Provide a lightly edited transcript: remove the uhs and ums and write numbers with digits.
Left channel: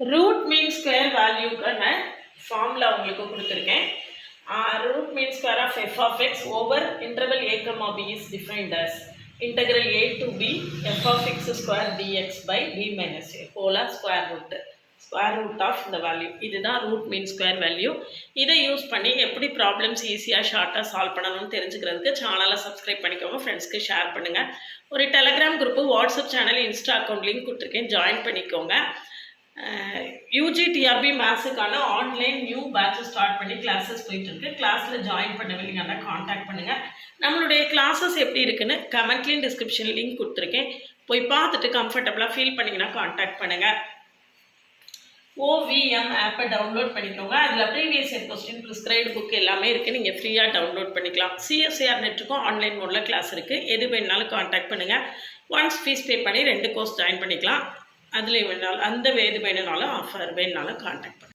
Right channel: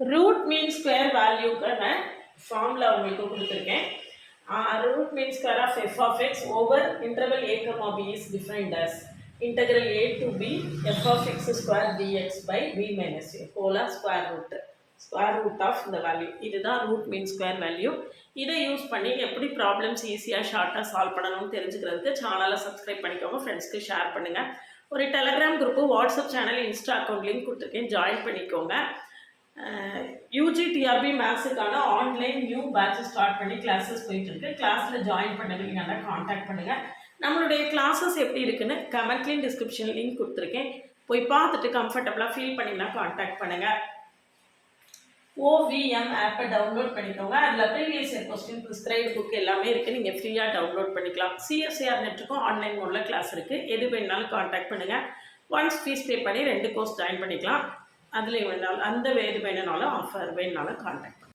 Root mean square வேல்யூக்கான formula உங்களுக்கு கொடுத்துருக்கேன். Root mean square of f of x over interval a comma b is defined as integral a to b f of x square dx by b minus a whole square root of the value. இதுதான் root mean square value. இதை use பண்ணி எப்படி problems ஈஸியாக ஷார்ட்டாக solve பண்ணணும்னு தெரிஞ்சுக்கிறதுக்கு சேனலை subscribe பண்ணிக்கோங்க, ஃப்ரெண்ட்ஸ்க்கு ஷேர் பண்ணுங்கள். ஒரு Telegram group, WhatsApp channel, Insta account link கொடுத்துருக்கேன், ஜாயின் பண்ணிக்கோங்க. யூஜிடிஆர்பி மேத்ஸுக்கான ஆன்லைன் நியூ பேட்ச் ஸ்டார்ட் பண்ணி கிளாஸஸ் போயிட்டுருக்கு. கிளாஸில் ஜாயின் பண்ணவில்லைங்கன்னா காண்டாக்ட் பண்ணுங்கள். நம்மளுடைய கிளாஸஸ் எப்படி இருக்குன்னு கமெண்ட்லேயும் டிஸ்கிரிப்ஷன் லிங்க் கொடுத்துருக்கேன், போய் பார்த்துட்டு கம்ஃபர்டபுளாக ஃபீல் பண்ணிங்கன்னா காண்டாக்ட் பண்ணுங்கள். OVM ஆப்பை டவுன்லோட் பண்ணிக்கோங்க. அதில் previous year question, prescribed book எல்லாமே இருக்குது, நீங்கள் ஃப்ரீயாக டவுன்லோட் பண்ணிக்கலாம். CSIR நெட்டுக்கும் ஆன்லைன் மோடில் கிளாஸ் இருக்குது, எது வேணுனாலும் காண்டாக்ட் பண்ணுங்கள். ஒன்ஸ் ஃபீஸ் பே பண்ணி 2 கோர்ஸ் ஜாயின் பண்ணிக்கலாம். அதில் வேணாலும் எது வேணுனாலும் ஆஃபர் வேணுனாலும் காண்டாக்ட் பண்ணுங்கள்.